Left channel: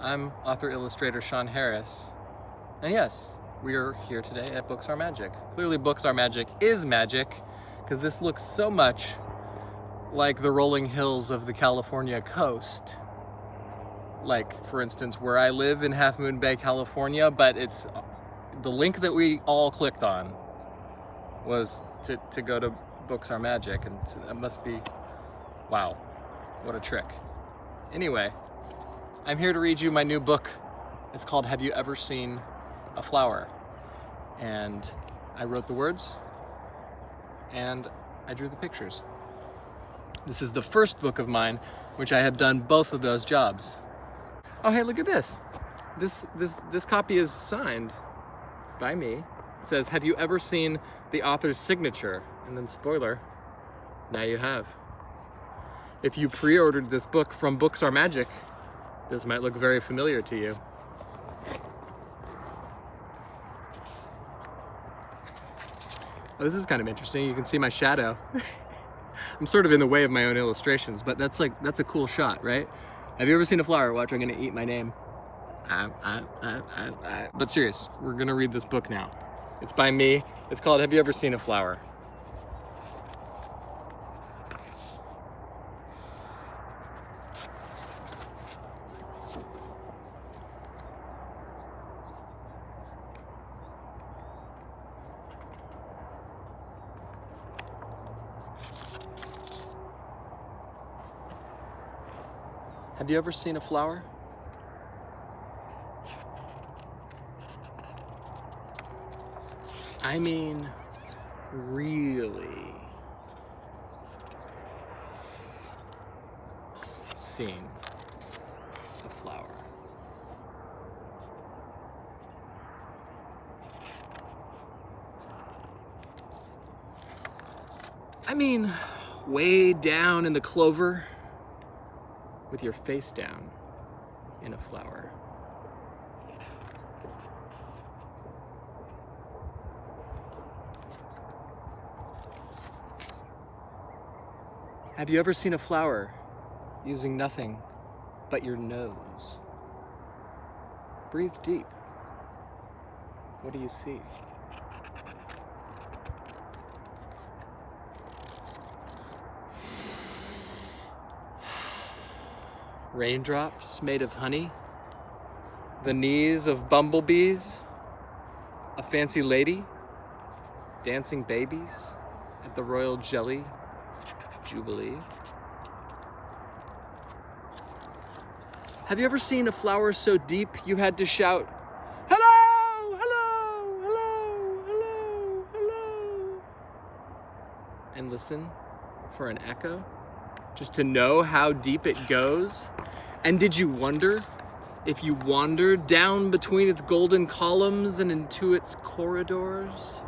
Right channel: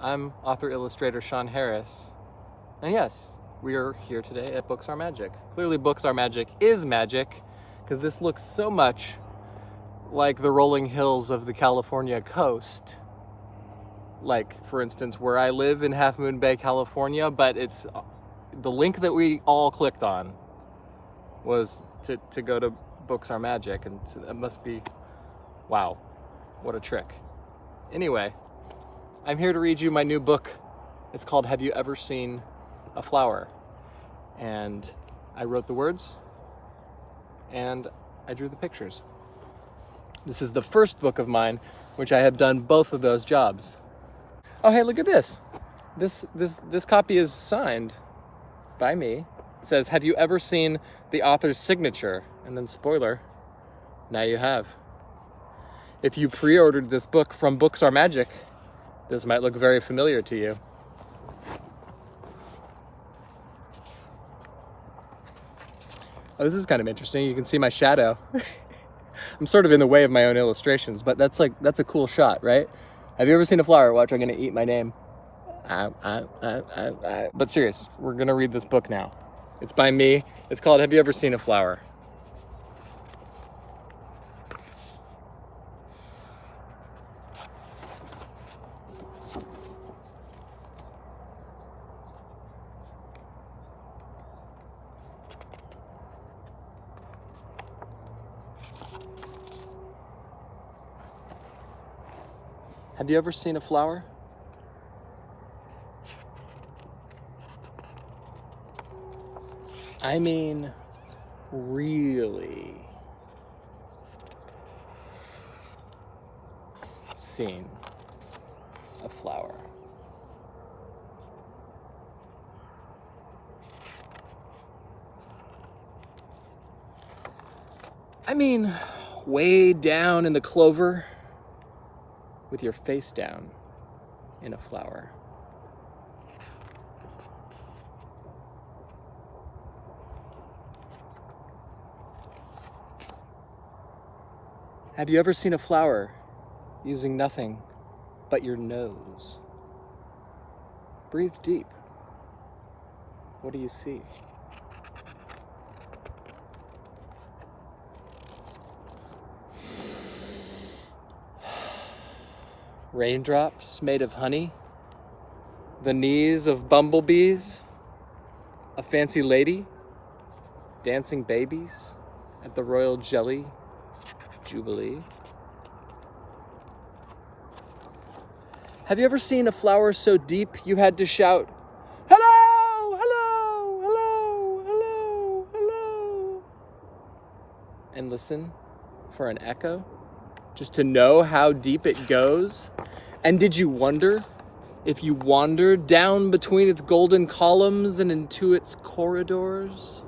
I'm author-illustrator Shawn Harris, and yes, we are here today at Books Are Magic. Clearly Books Are Magic is magic, because this looks so much like the rolling hills of the California coast. Like, for instance, where I live in Half Moon Bay, California, but it's the link that we all clicked on was to go to Books Are Magic, and so that must be, wow, what a trick. Anyway, I'm here to read you my new book. It's called Have You Ever Seen a Flower? And I wrote the words and I drew the pictures. This is the first book of mine which I have done both of those jobs. Oh, hey, look at this. This copy is signed by me. It says, have you ever seen the author's signature? And then spoiler, now you have. If you pre-ordered this book from Books Are Magic, this might look very familiar to you. Oh, this is kind of interesting. You can see my shadow. I'm sort of in the way of my own illustrations, but that's a cool shot, right? Have you ever seen a flower? Watch, I'm gonna eat my name. But serious, we're gonna read this book now. It's by me. It's called Have You Ever Seen a Flower? Have you ever seen a flower? I mean, really seen a flower. I mean, way down in the clover, with your face down in a flower. Have you ever seen a flower using nothing but your nose? Breathe deep. What do you see? Raindrops made of honey, the knees of bumblebees, a fancy lady, dancing babies at the Royal Jelly Jubilee. Have you ever seen a flower so deep you had to shout, hello, hello, hello, hello, hello, and listen for an echo, just to know how deep it goes? And did you wonder, if you wandered down between its golden columns and into its corridors,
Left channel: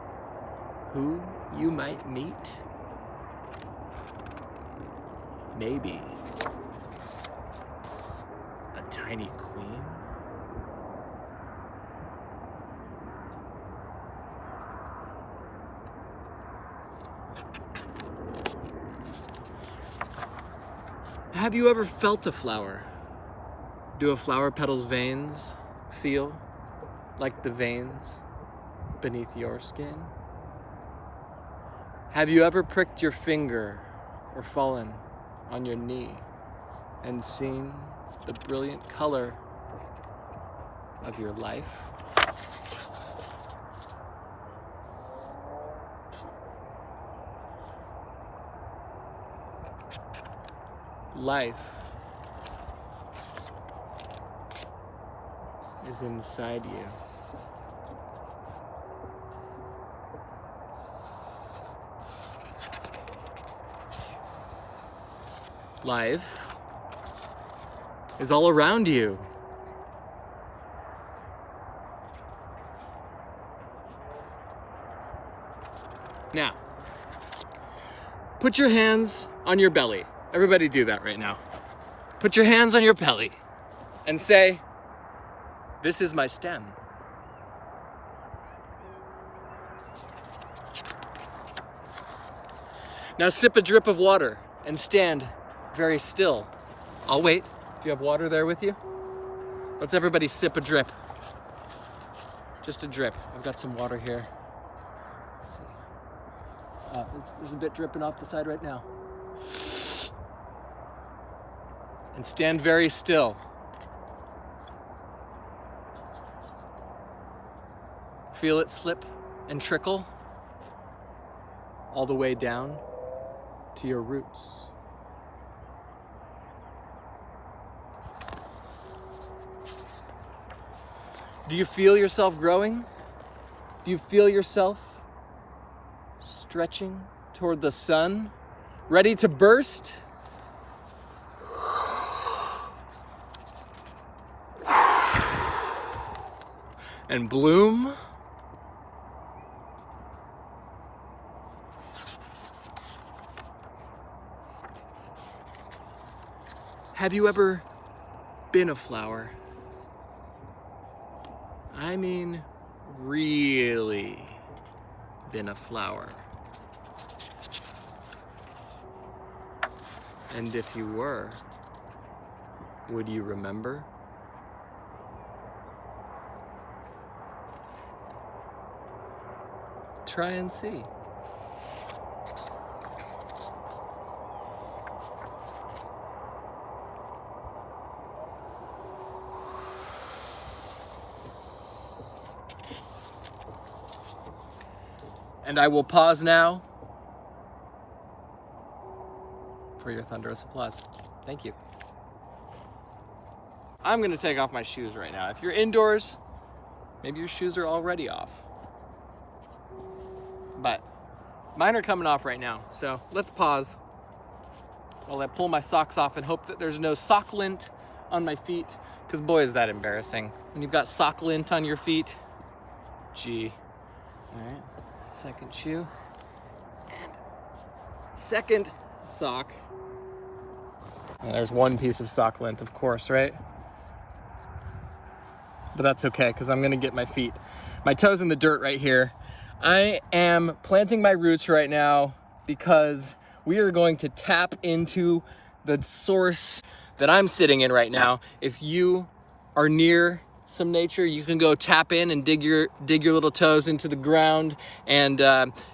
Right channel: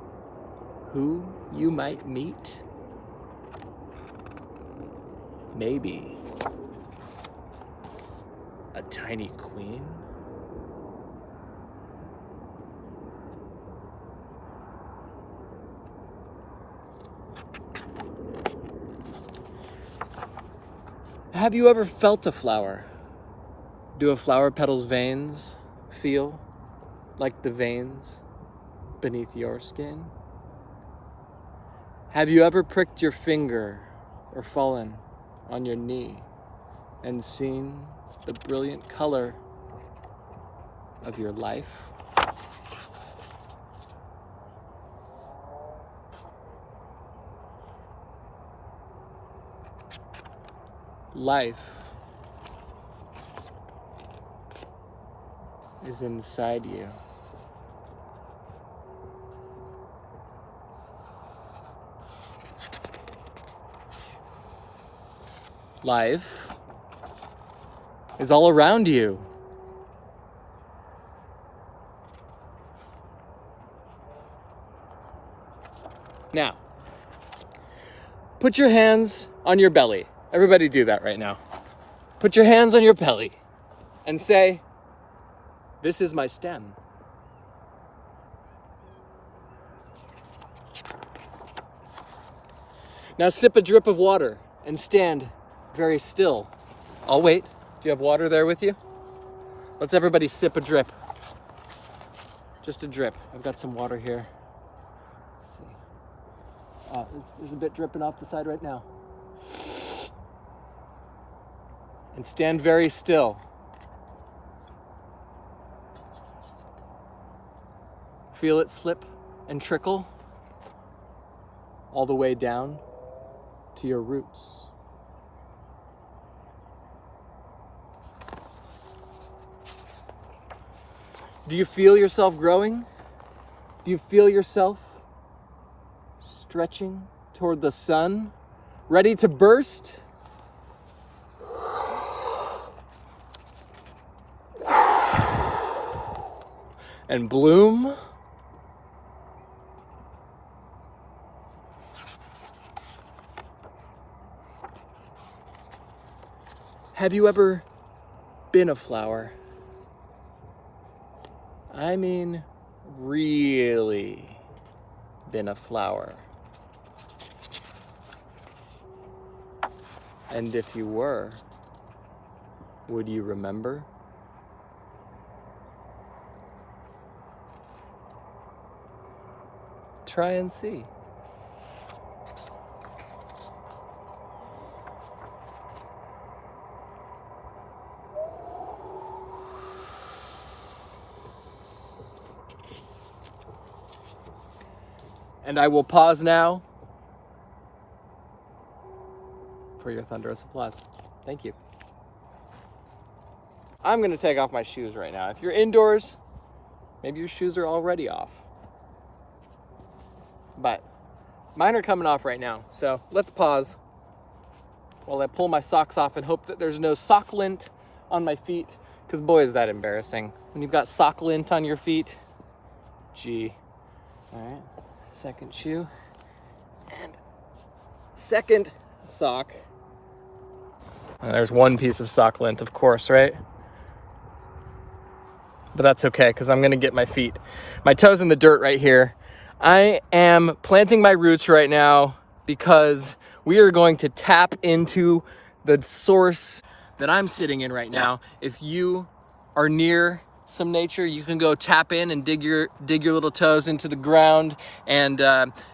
who you might meet? Maybe a tiny queen? Have you ever felt a flower? Do a flower petal's veins feel like the veins beneath your skin? Have you ever pricked your finger or fallen on your knee and seen the brilliant color of your life? Life is inside you. Life is all around you. Now, put your hands on your belly. Everybody do that right now. Put your hands on your belly and say, this is my stem. Now sip a drip of water and stand very still. I'll wait. Do you have water there with you? Let's everybody sip a drip. Just a drip. I've got some water here. Let's see. There's a bit dripping off the side right now. And stand very still. Feel it slip and trickle all the way down to your roots. Do you feel yourself growing? Do you feel yourself stretching toward the sun, ready to burst? And bloom? Have you ever been a flower? I mean, really been a flower. And if you were, would you remember? Try and see. And I will pause now for your thunderous applause. Thank you. I'm gonna take off my shoes right now. If you're indoors, maybe your shoes are already off. But mine are coming off right now. So let's pause while I pull my socks off and hope that there's no sock lint on my feet, because boy, is that embarrassing. When you've got sock lint on your feet, gee. All right. Second shoe, and second sock. And there's one piece of sock lint, of course, right? But that's okay, because I'm gonna get my feet, my toes in the dirt right here. I am planting my roots right now because we are going to tap into the source that I'm sitting in right now. If you are near some nature, you can go tap in and dig your little toes into the ground. And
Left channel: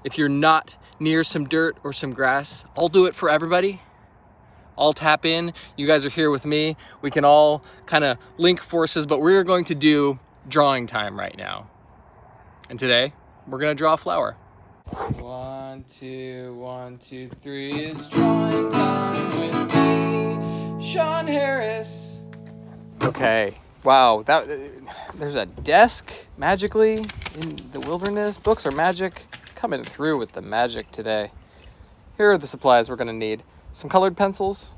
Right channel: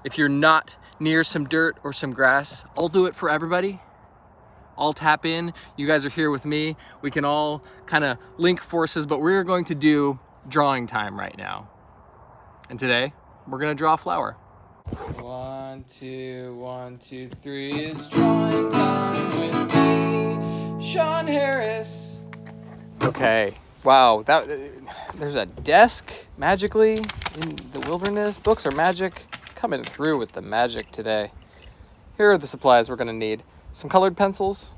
if you're not near some dirt or some grass, I'll do it for everybody. I'll tap in. You guys are here with me. We can all kind of link forces, but we're going to do drawing time right now. And today we're gonna draw a flower. 1, 2, 1, 2, 3. It's drawing time with me, Shawn Harris. Okay. Wow, there's a desk magically in the wilderness. Books are magic. Coming through with the magic today. Here are the supplies we're going to need. Some colored pencils.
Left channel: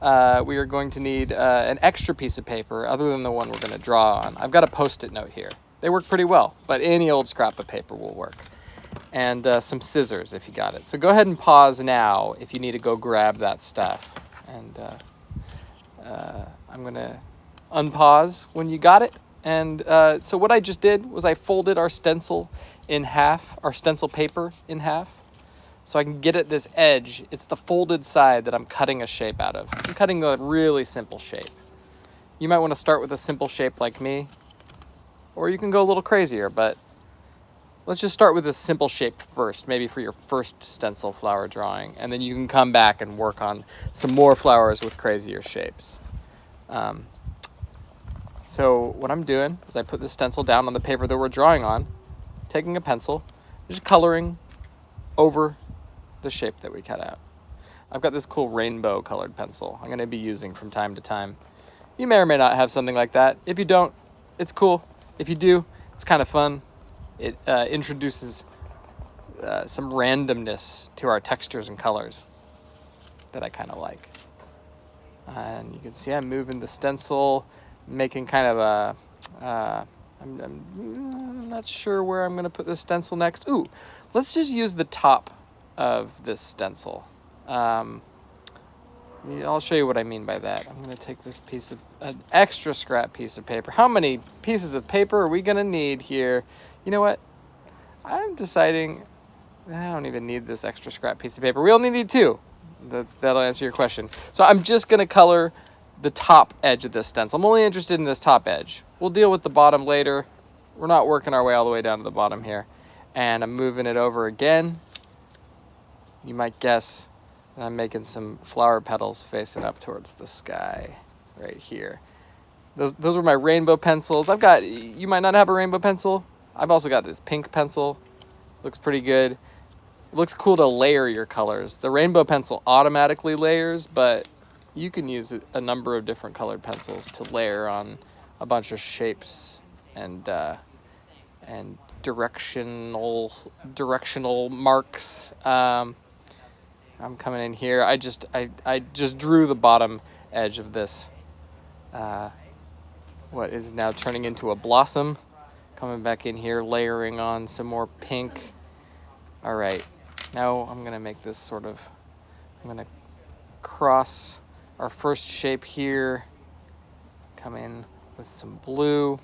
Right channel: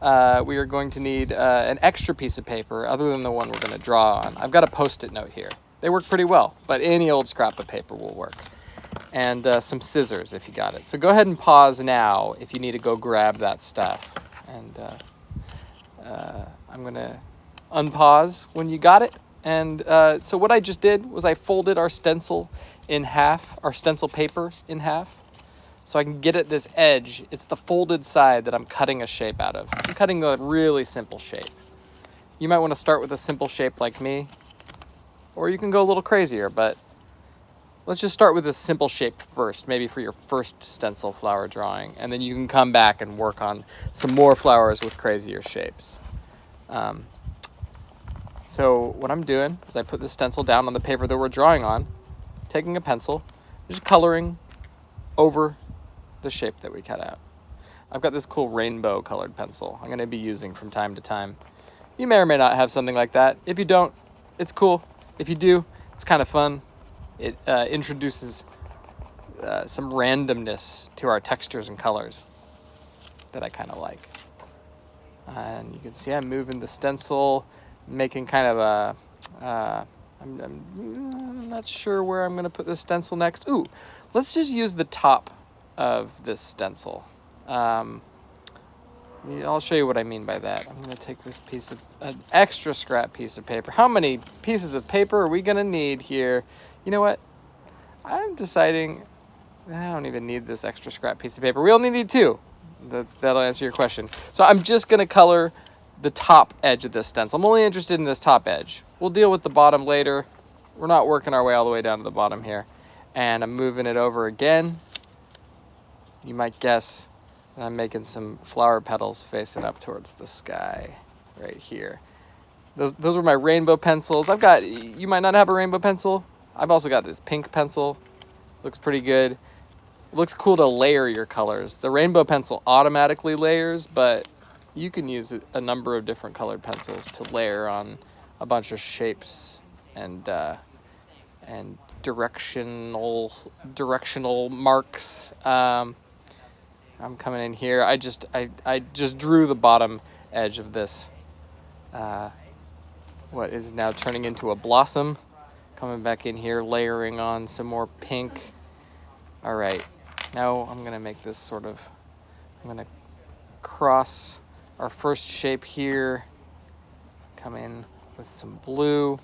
We are going to need an extra piece of paper other than the one we're going to draw on. I've got a Post-it note here. They work pretty well, but any old scrap of paper will work. And some scissors if you got it. So go ahead and pause now if you need to go grab that stuff. And I'm going to unpause when you got it. And so what I just did was I folded our stencil in half, our stencil paper in half, so I can get at this edge. It's the folded side that I'm cutting a shape out of. I'm cutting a really simple shape. You might want to start with a simple shape like me, or you can go a little crazier, but let's just start with a simple shape first, maybe for your first stencil flower drawing, and then you can come back and work on some more flowers with crazier shapes. So what I'm doing is I put the stencil down on the paper that we're drawing on, taking a pencil, just coloring over the shape that we cut out. I've got this cool rainbow colored pencil I'm going to be using from time to time. You may or may not have something like that. If you don't, it's cool. If you do, it's kind of fun. It introduces some randomness to our textures and colors that I kind of like. And you can see I'm moving the stencil, making kind of a, I'm not sure where I'm going to put this stencil next. Ooh, let's just use the top of this stencil. I'll show you what I mean by that. I'm going to take this piece of, an extra scrap piece of paper. How many pieces of paper are we going to need here? You know what? I'm deciding I don't even need this extra scrap piece of paper. We only need 2. That'll answer your question. So I'm just going to color the top edge of this stencil. I'm only interested in this top edge. We'll deal with the bottom later. We're not working our way all the way down to the bottom here. And I'm moving it over again. You might guess that I'm making some flower petals facing up towards the sky right here. Those were my rainbow pencils. You might not have a rainbow pencil. I've also got this pink pencil. Looks pretty good. It looks cool to layer your colors. The rainbow pencil automatically layers, but you can use a number of different colored pencils to layer on a bunch of shapes and directional marks. I'm coming in here. I just drew the bottom edge of this. What is now turning into a blossom. Coming back in here, layering on some more pink. All right, now I'm gonna make this I'm gonna cross our first shape here. Come in with some blue.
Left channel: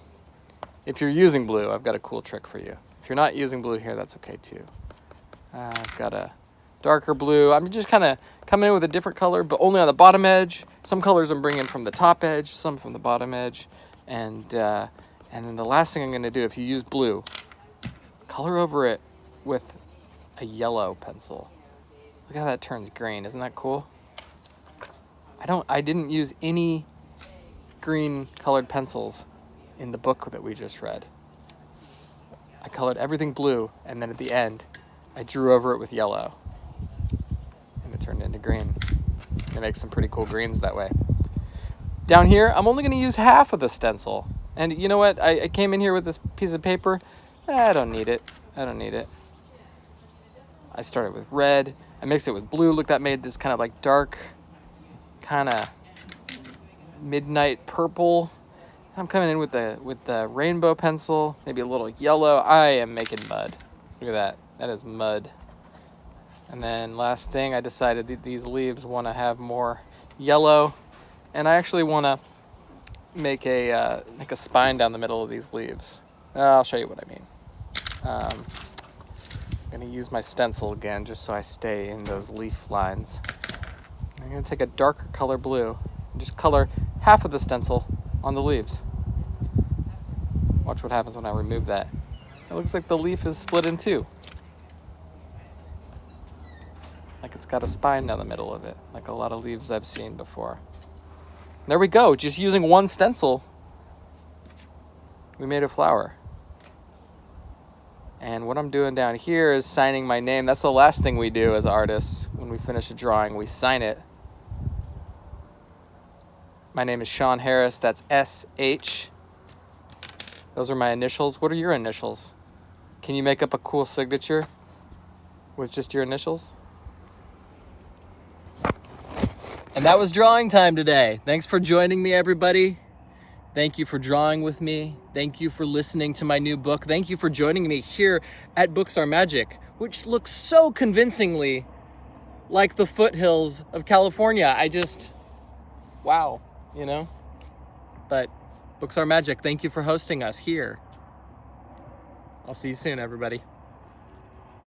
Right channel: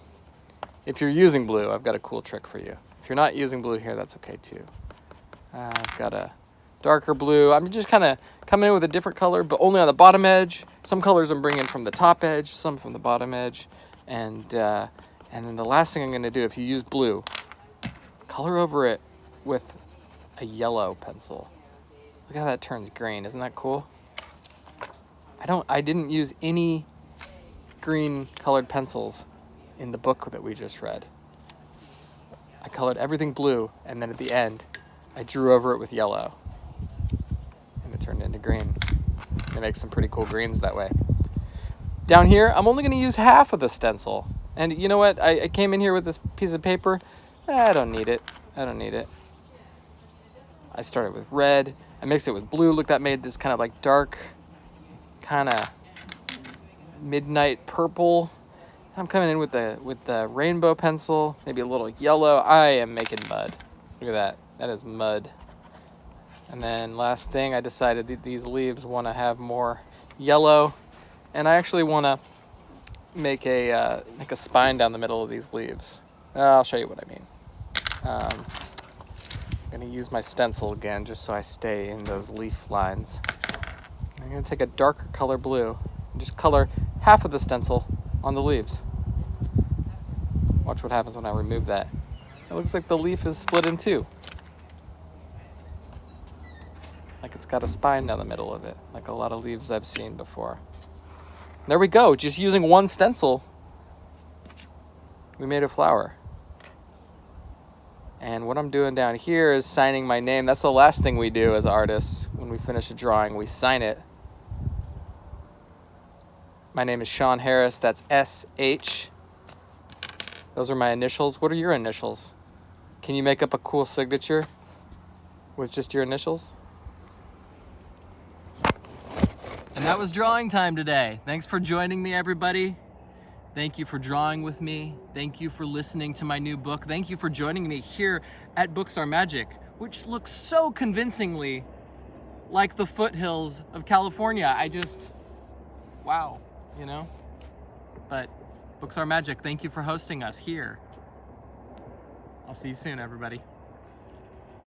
If you're using blue, I've got a cool trick for you. If you're not using blue here, that's okay too. I've got a darker blue. I'm just kind of coming in with a different color, but only on the bottom edge. Some colors I'm bringing from the top edge, some from the bottom edge. And then the last thing I'm going to do, if you use blue, color over it with a yellow pencil. Look how that turns green. Isn't that cool? I didn't use any green colored pencils in the book that we just read. I colored everything blue, and then at the end, I drew over it with yellow. And it turned into green. It makes some pretty cool greens that way. Down here, I'm only going to use half of the stencil. And you know what? I came in here with this piece of paper. I don't need it. I started with red. I mixed it with blue. Look, that made this kind of like dark, kind of midnight purple. I'm coming in with the rainbow pencil, maybe a little yellow. I am making mud. Look at that. That is mud. And then last thing, I decided that these leaves want to have more yellow. And I actually want to make a spine down the middle of these leaves. I'll show you what I mean. I'm going to use my stencil again just so I stay in those leaf lines. I'm going to take a darker color blue and just color half of the stencil on the leaves. Watch what happens when I remove that. It looks like the leaf is split in two. Like it's got a spine down the middle of it, like a lot of leaves I've seen before. There we go, just using one stencil, we made a flower. And what I'm doing down here is signing my name. That's the last thing we do as artists. When we finish a drawing, we sign it. My name is Shawn Harris, that's S-H. Those are my initials. What are your initials? Can you make up a cool signature with just your initials? And that was drawing time today. Thanks for joining me, everybody. Thank you for drawing with me. Thank you for listening to my new book. Thank you for joining me here at Books Are Magic, which looks so convincingly like the foothills of California. Wow, you know? But Books Are Magic, thank you for hosting us here. I'll see you soon, everybody.